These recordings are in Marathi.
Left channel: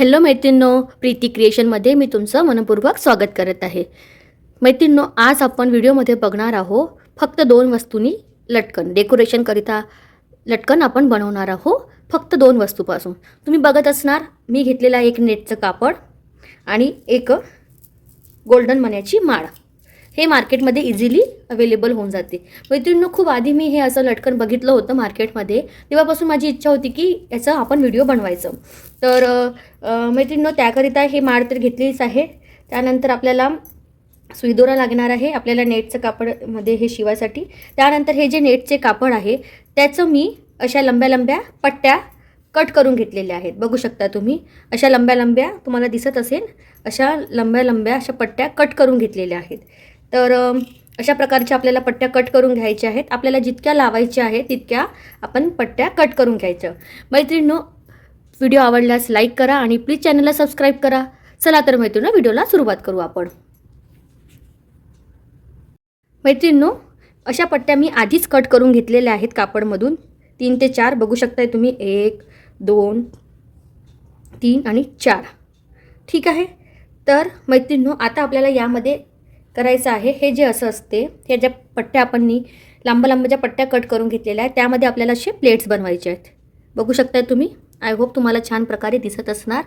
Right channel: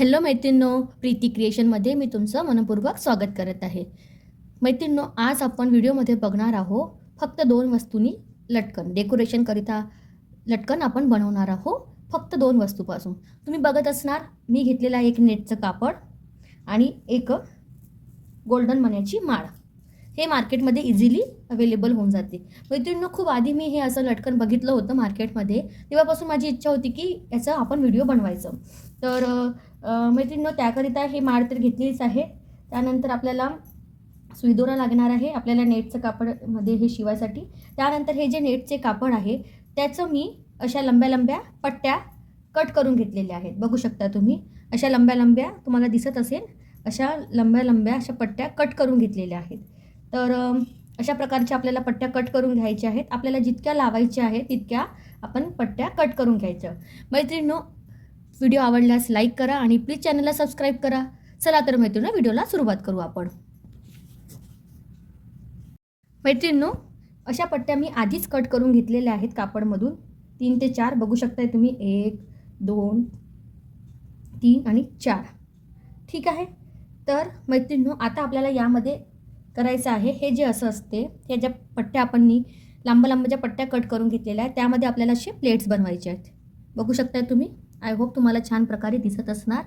हॅलो मैत्रिणींनो, प्रीती क्रिएशनमध्ये मी तुमचं मनपूर्वक स्वागत करत आहे. मैत्रिणींनो, आज आपण व्हिडिओमध्ये बघणार आहोत फक्त 2 वस्तूंनी लटकन डेकोरेशनकरिता लटकन आपण बनवणार आहोत फक्त 2 वस्तूपासून. तुम्ही बघत असणार मी घेतलेला एक नेटचं कापड आणि एक गोल्डन मण्याची माळ. हे मार्केटमध्ये इझिली अवेलेबल होऊन जाते. मैत्रिणींनो, खूप आधी मी हे असं लटकन बघितलं होतं मार्केटमध्ये. तेव्हापासून माझी इच्छा होती की याचा आपण व्हिडिओ बनवायचं. तर मैत्रिणींनो, त्याकरिता हे माळ तर घेतलीच आहे. त्यानंतर आपल्याला सुईदोरा लागणार आहे आपल्याला नेटचं कापडमध्ये हे शिवायसाठी. त्यानंतर हे जे नेटचे कापड आहे त्याचं मी अशा लंब्या लंब्या पट्ट्या कट करून घेतलेल्या आहेत. बघू शकता तुम्ही, अशा लंब्या लंब्या तुम्हाला दिसत असेल, अशा लंब्या लंब्या अशा पट्ट्या कट करून घेतलेल्या आहेत. तर अशा प्रकारच्या आपल्याला पट्ट्या कट करून घ्यायच्या आहेत. आपल्याला जितक्या लावायच्या आहेत तितक्या आपण पट्ट्या कट करून घ्यायच्या. मैत्रिणींनो, व्हिडिओ आवडल्यास लाईक करा आणि प्लीज चॅनलला सबस्क्राईब करा. चला तर मैत्रिणींनो, व्हिडिओला सुरुवात करू आपण. मैत्रिणींनो, अशा पट्ट्या मी आधीच कट करून घेतलेल्या आहेत कापडमधून. 3 ते 4 बघू शकताय तुम्ही. 1 2 3 आणि 4. ठीक आहे. तर मैत्रिणींनो, आता आपल्याला यामध्ये करायचं आहे हे जे असं असते, हे ज्या पट्ट्या आपण लांब लांब ज्या पट्ट्या कट करून घेतलेल्या आहेत त्यामध्ये आपल्याला असे प्लेट्स बनवायचे आहेत. बघू शकताय तुम्ही. आय होप तुम्हाला छान प्रकारे दिसत असणार.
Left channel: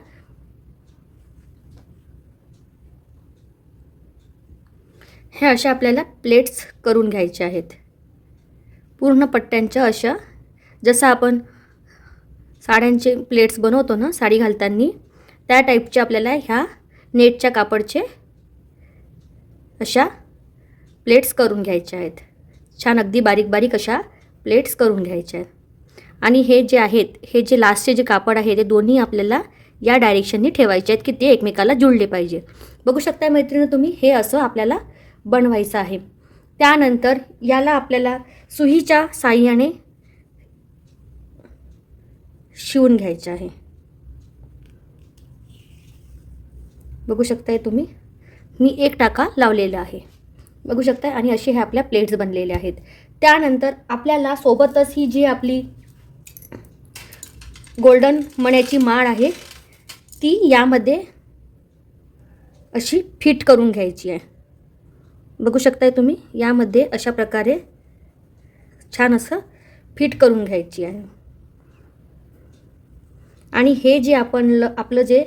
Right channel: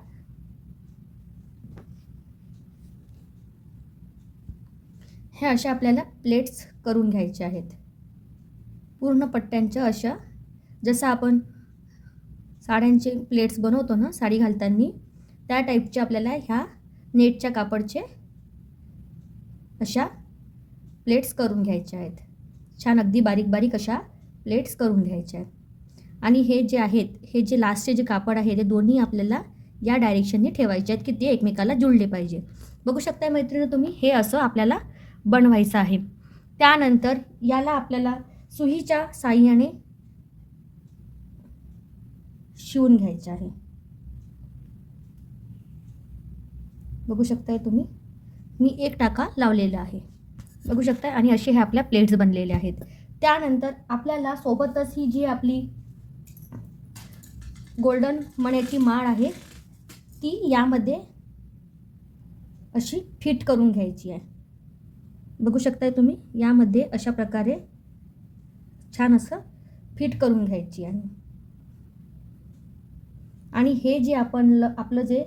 हे अशा आपल्याला प्लेट्स करून घ्यायच्या आहेत पूर्ण पट्ट्यांच्या. अशा जसं आपण साड्यांचे प्लेट्स बनवतो ना साडी घालताना, त्या टाईपचे आपल्याला ह्या नेटच्या कापडचे अशा प्लेट्स करून घ्यायच्या आहेत. छान अगदी बारीक बारीक अशा प्लेट्स करून घ्यायच्या आहेत. आणि हे जे आहेत, हे जे लास्टचे जे कापड आहे ते दोन्ही आपल्याला या डायरेक्शननी ठेवायचे आहेत की ते एकमेकाला जुळले पाहिजे. बघू शकता मैत्रिणी तुम्ही, हे असं आपल्याला बनवायचं आहे. त्यानंतर याला आपल्याला सुईच्या साहाय्याने शिवून घ्यायचं आहे. बघू शकताय तुम्ही, मी 1 टाका लावलेला आहे. बघू शकता. आणि असे हे आपल्या प्लेट्स बनलेले आहेत. त्यानंतर आपल्याला सोबतच ही जी आपली गोल्डन मण्याची माळ आहे ती यामध्ये अशी फिट करून घ्यायची आहे. बघू शकताय तुम्ही, यामध्ये अशा प्रकारे छान असं फिट करून घ्यायची आहे. आणि हे जे आपलं जे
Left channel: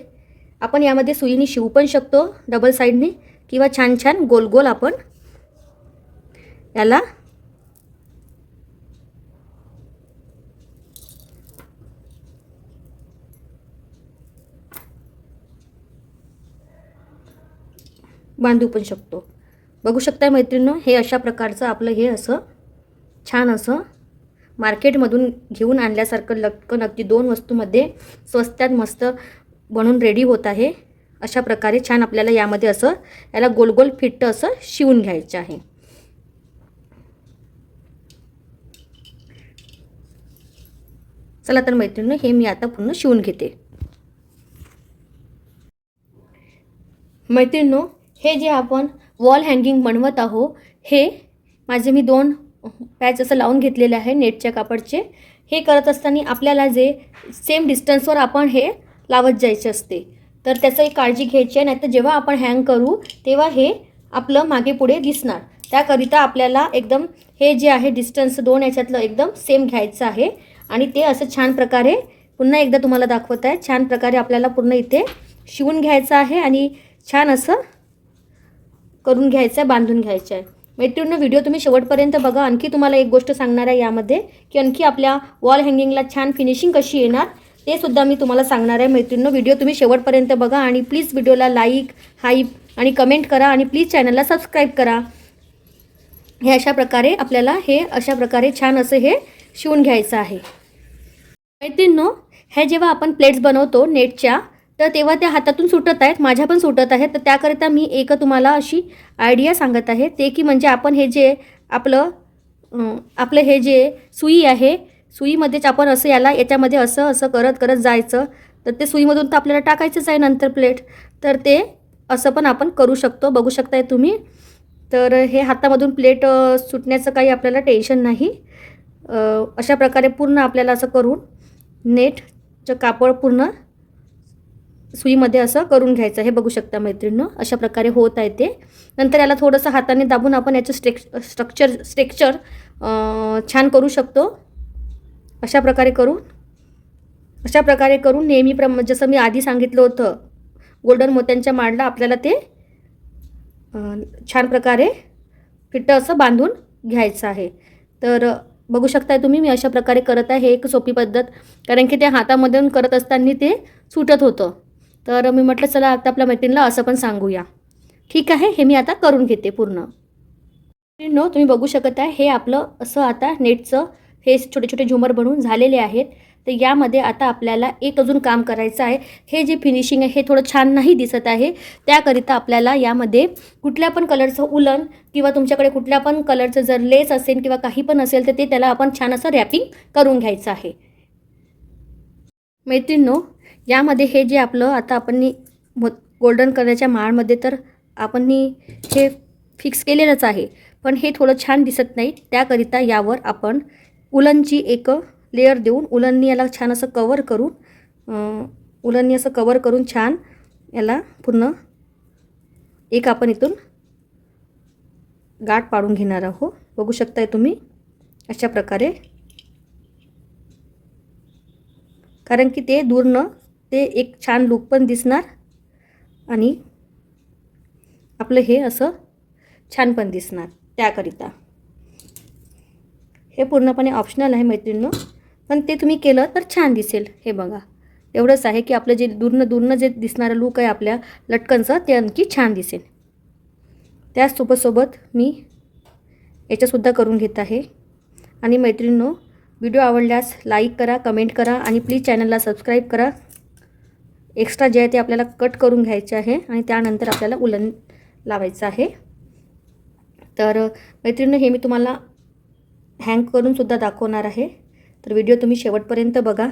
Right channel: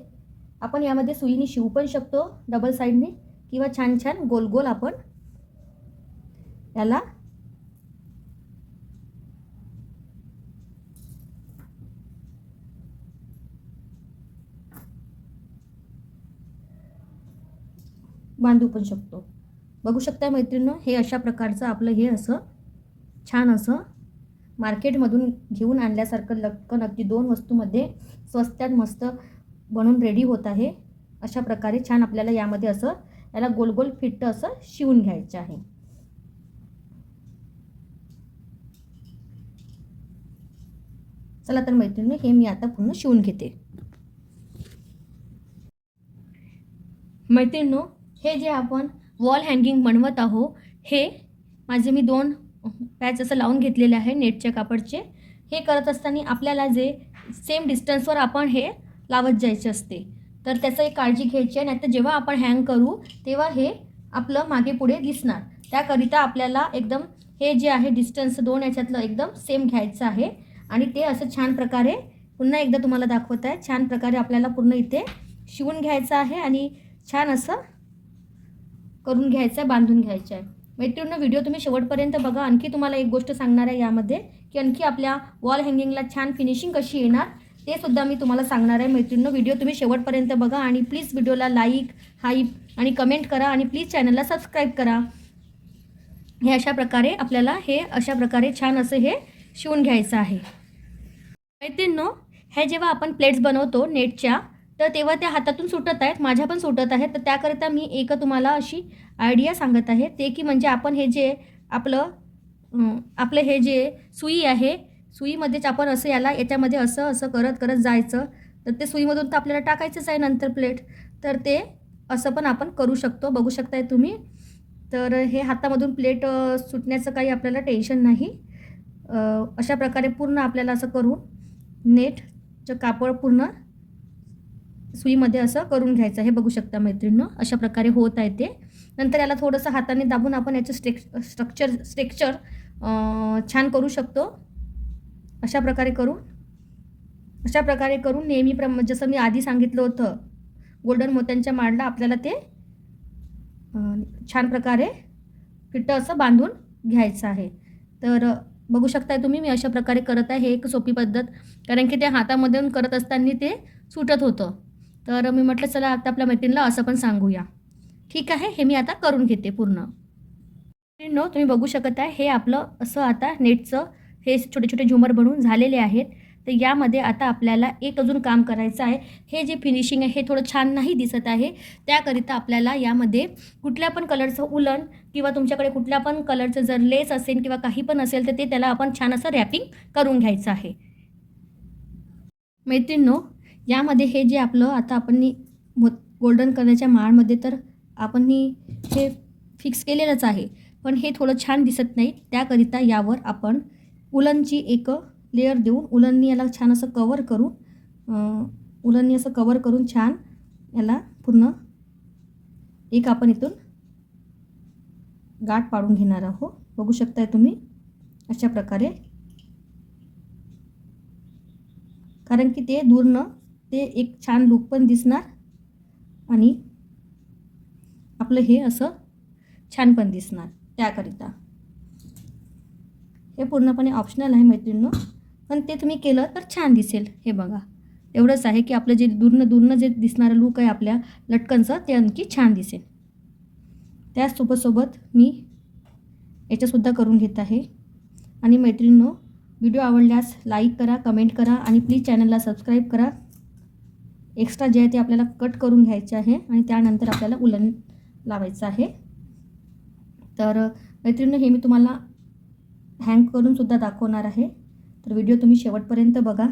आपण यामध्ये सुईने शिवू पण शकतो डबल साईडने, किंवा छान छान गोल गोल आपण याला बांधू पण शकतो. बघू शकता मैत्रिणींनो, हे अशा प्रकारचं आपलं हे असं छान असं मार्केटमधून घेऊन आणल्यासारखं लटकन अगदी 2 वस्तूमध्ये स्वस्तात मस्त बनवून रेडी होत आहे. अशा प्रकारे छान आपल्याला यामध्ये असं याला गोल गोल फिट असं शिवून घ्यायचं आहे. चला तर मैत्रिणींनो, हे मी आता पूर्ण शिवून घेते. मैत्रिणींनो, हे जे आपण वॉल हँगिंग बनवत आहोत, हे माझे मी 2 पॅच असं लावून घेतलेले आहे नेटच्या कापडचे. हे करत असताना आपल्याला जे सेम डिस्टन्सवर आपण हे लावत जायचे असते, तर त्याचं एक काळजी घ्यायची आहे. नाहीतर जेव्हा आपण हँग करू तेव्हा हे आपलं मागे पुढे दिसणार. त्याकरिता आपल्याला एकदम हे जे आहे डिस्टन्स 2 याच्यातलं एकदम सेम घ्यायचं आहे. आणि ते असं छान प्रकारे पुन्हा एकदा तुम्हाला दाखवत आहे. छान प्रकारे आपल्याला पूर्ण इथे शिवून घ्यायचं आहे आणि छान असं करून घ्यायचं आहे, बांधून घ्यायचं आहे. मैत्रिणींनो, व्हिडिओ तुम्ही शेवटपर्यंत बघा. आणखी तुम्हाला एक गोष्ट सांगणार आहे यामध्ये, की आणखी आपल्या वॉल हँगिंगला छान फिनिशिंग कशी येणार ते सुद्धा मी तुम्हाला सांगणार आहे. मैत्रिणींनो, व्हिडिओ तुम्ही शेवटपर्यंत बघा आणि प्लीज व्हिडिओला लाईक, हाईप आणि कमेंट करा आणि प्लीज चॅनलला सबस्क्राईब करा. हे अशा प्रकारे आपल्याला हे अशा प्रकारे छान असं हे शिवून घ्यायचं आहे. मैत्रिणींनो, हे जेव्हा आपण प्लेट्स बनवतो नेटच्या, तर तेव्हा त्या हातातून सुटत आहेत, माझ्या पण सुटत आहेत. तर त्याकरिता मी एक तुम्हाला अशी आयडिया सांगत आहे, ते की म्हणजे आपण हे जे आपलं हे जे सुई आहे, सुईमध्येच आपण असं याच्यामध्ये असं असं करत करत जायचं. तर ते सुईमधून तर आपल्याला टाकायचंच आहे नंतर प्लेट, तर ते असं पण आपण करू शकतो. बघू शकताय तुम्ही. तर हे हातामधून प्लेट सुटण्याचं काही आपल्याला टेन्शन नाही. अशा प्रकारे पूर्ण आपल्याला असं करून नेटचं कापड पूर्ण सुईमध्ये असं करून घ्यायचं. हे बघू शकता मैत्रिणींनो, अशा प्रकारे होत आहे ते. नंतर याला थोडंसं हाताने दाबून आपण याचं स्ट्रक्चर छान करू शकतो. अशा प्रकारे करून जसं मी आधी सांगितलं होतं, गोल्डन मोत्यांच्या माळला आपल्याला ते छान प्रकारे फिट्ट असं बांधून घ्यायचं आहे. तर बघू शकताय तुम्ही, मी अशा प्रकारे करत आहे. हे एक सोपी पद्धत, कारण की ते हातामधून करत असताना ते सुटत होतं. तर मी म्हटलं चला आता आपल्या मैत्रिणीला असं पण सांगूया. ठीक आहे, हे मी आता करून घेते पूर्ण. तुम्ही बघू शकत आहे, हे आपलं असं आता नेटचं हे छोटे छोटे झुमर बनवून झालेले आहेत. तर यामध्ये आता आपल्याला एक अजून काम करायचं आहे. हे जे फिनिशिंग आहे हे थोडं छान नाही दिसत आहे, त्याकरिता आपल्याला यामध्ये कुठल्या पण कलरचं उलन किंवा तुमच्याकडे कुठल्या पण कलरचं जर लेस असेल किंवा काही पण असेल तर ते त्याला आपण छान असं रॅपिंग करून घ्यायचं आहे. मैत्रिणींनो, यामध्ये हे जे आपलं आता आपण गोल्डन कलरच्या माळमध्ये तर आपण हे फिक्स केलेलंच आहे, पण हे थोडं छान दिसत नाही. त्याकरिता यावर आपण उलनची एक लेअर देऊन उलननी याला छान असं कवर करून छान याला पूर्ण एक आपण इथून गाठ पाडून घेणार आहोत. बघू शकताय तुम्ही अशा प्रकारे, कारण की ते दूरनं ते एक छान लुक पण दिसणार आणि आपलं हे असं छान पण दिसणार. त्याकरिता हे पूर्णपणे ऑप्शनल आहे मैत्रिणींनो, पण ते तुम्ही केलं तर छान दिसेल. हे बघा, एवढंच आहे की आपलं जे दूरनं जे दिसणारं लुक आहे आपल्या लटकनचं ते आणखी छान दिसेल. त्यासोबत मी याच्यासुद्धा करून घेत आहे. आणि मैत्रिणींनो, व्हिडिओ आवडल्यास लाईक करा, कमेंट करा आणि प्लीज चॅनलला सबस्क्राईब करा. एक्स्ट्रा जे आहे ते आपल्याला कट करून घ्यायचे आहे आणि त्यानंतर आपल्याला उलन लावायचं आहे. तर मैत्रिणींनो, हे मी तुम्हाला हँग करून सुद्धा दाखवणार आहे. तर व्हिडिओ तुम्ही शेवटपर्यंत बघा.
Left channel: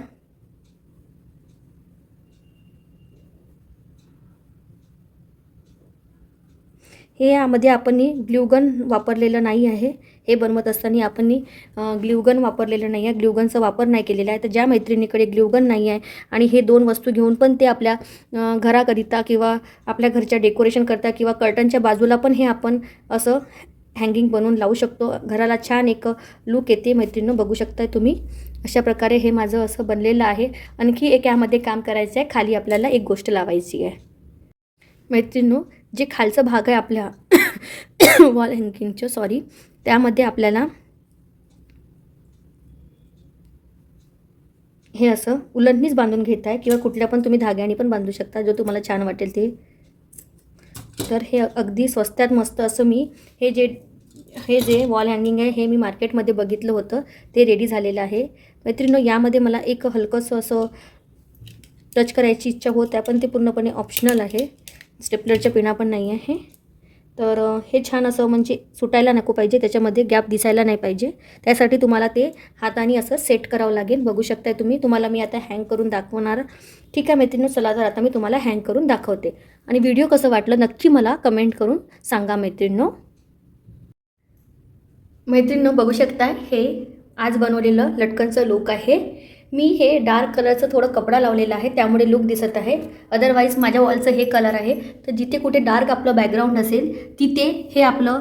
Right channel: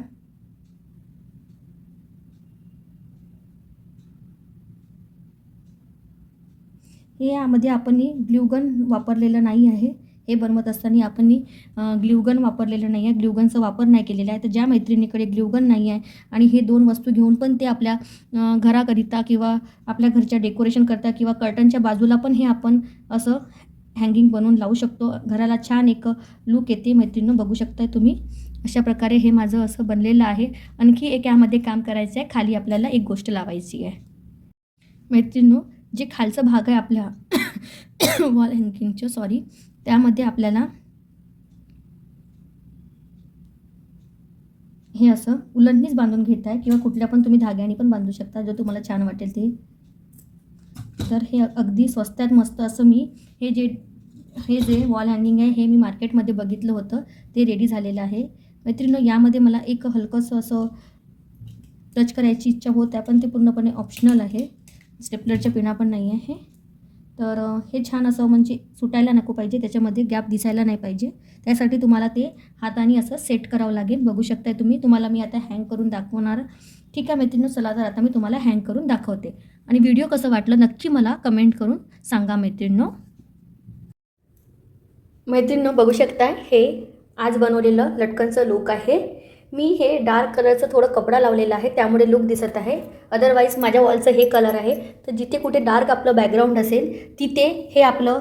हे यामध्ये आपण ग्लूगन वापरलेलं नाही आहे. हे बनवत असताना आपण ग्लूगन वापरलेलं नाही आहे, ग्लूगनचा वापर नाही केलेला आहे. तर ज्या मैत्रिणीकडे ग्लूगन नाही आहे आणि हे 2 वस्तू घेऊन पण ते आपल्या घराकरिता किंवा आपल्या घरच्या डेकोरेशन करता किंवा कर्टनच्या बाजूला पण हे आपण असं हँगिंग बनवून लावू शकतो. घराला छान एक लुक येते. मैत्रिणींनो, बघू शकताय तुम्ही अशा प्रकारे हे माझं असं बनलेलं आहे. आणखी एक यामध्ये काम करायचं आहे. खाली आपल्याला एक गोष्ट लावायची आहे. मैत्रिणींनो, जे खालचं भाग आहे आपल्या वॉल हँगिंगचं त्यामध्ये आपल्याला हे असं उलननीच बांधून घेत आहे किंवा कुठल्या पण तुम्ही धाग्याने पण बांधू शकता, जो तुम्हाला छान वाटेल ते. तर हे अगदी स्वस्तात मस्त असं मी हे जे वॉल हँगिंग आहे हे मी मार्केटमध्ये बघितलं होतं, ते रेडी झालेलं आहे. मैत्रिणींनो, यामध्ये मला एक हलकंसं असं टच करायची इच्छा होत आहे, पण ते पूर्णपणे ऑप्शनल आहे. स्टेपलरच्या पिना पण नाही आहे. तर हे छान असं म्हणजे सुटायला नको पाहिजे, त्याच्यामध्ये गॅप दिसायला नाही पाहिजे. त्यासाठी तुम्हाला ते हाताने असं सेट करावं लागेल. बघू शकताय तुम्ही. तुम्हाला मी आता हँग करून दाखवणार. ठीक आहे मैत्रिणींनो, चला तर आता मी तुम्हाला हँग करून दाखवते आणि व्हिडिओ कसं वाटलं नक्की मला कमेंट करून सांगा मैत्रिणींनो. बघू शकताय, हे आज बनवलेलं लटकनचं लुक आहे. मी हे डार्क कलरचं थोडं कपडा लावलेला आहे, त्यामुळे लुक दिसत आहे. अदरवाईज माझ्या वॉलचं हे कलर आहे. तर जिथे कुठे डार्क आपलं बॅकग्राऊंड असेल तिथे हे आपलं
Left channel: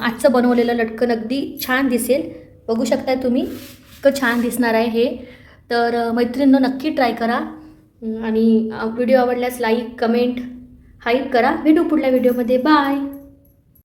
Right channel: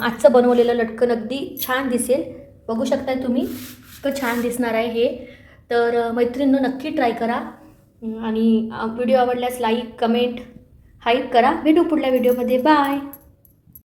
आजचं बनवलेलं लटकन अगदी छान दिसेल. बघू शकताय तुम्ही, इतकं छान दिसणार आहे हे. तर मैत्रिणींनो, नक्की ट्राय करा आणि व्हिडिओ आवडल्यास लाईक, कमेंट, हाईप करा. भेटू पुढल्या व्हिडिओमध्ये. बाय.